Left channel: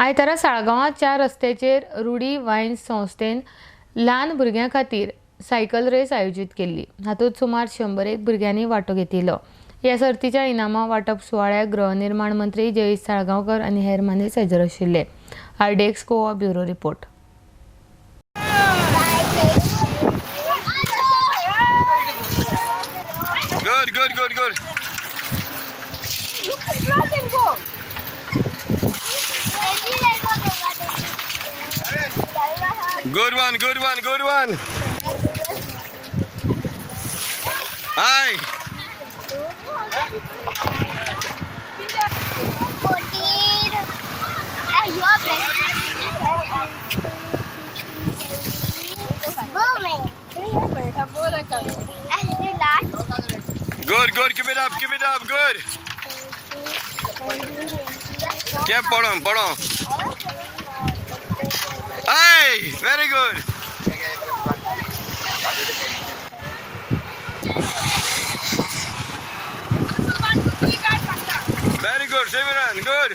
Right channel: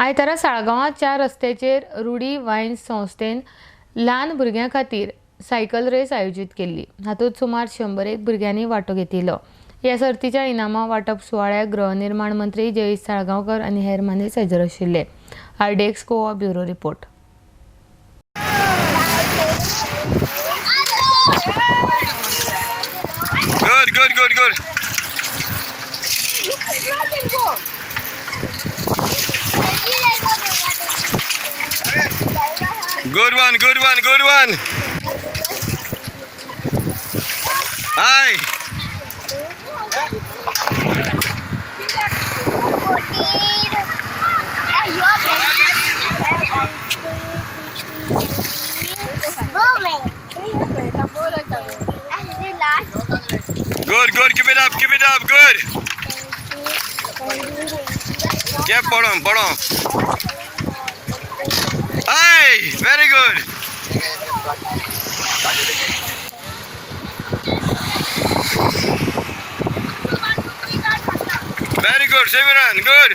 आयतारा साळगांवां 4 रस्त्याचेर रुडी वायन्स संस्थेन ल्हान भुरग्यां खातीर सायकल रेस आयोजीत केल्ली. हातूंत सुमार 101 भुरग्यांनी वांटो घेतिल्लो. ह्या सर्तीच्या इनामां वांटप सुवाळ्याक गृहनिर्माण मंत्री जयेश साळगांवकर आनी हेर मनीस हजर आशिल्ले. RDX Goa bureau report. Good. Good one. Hi. Good. Keep it up. Good. Keep pardon. Hi. Very good. Very good, Simeran. Good.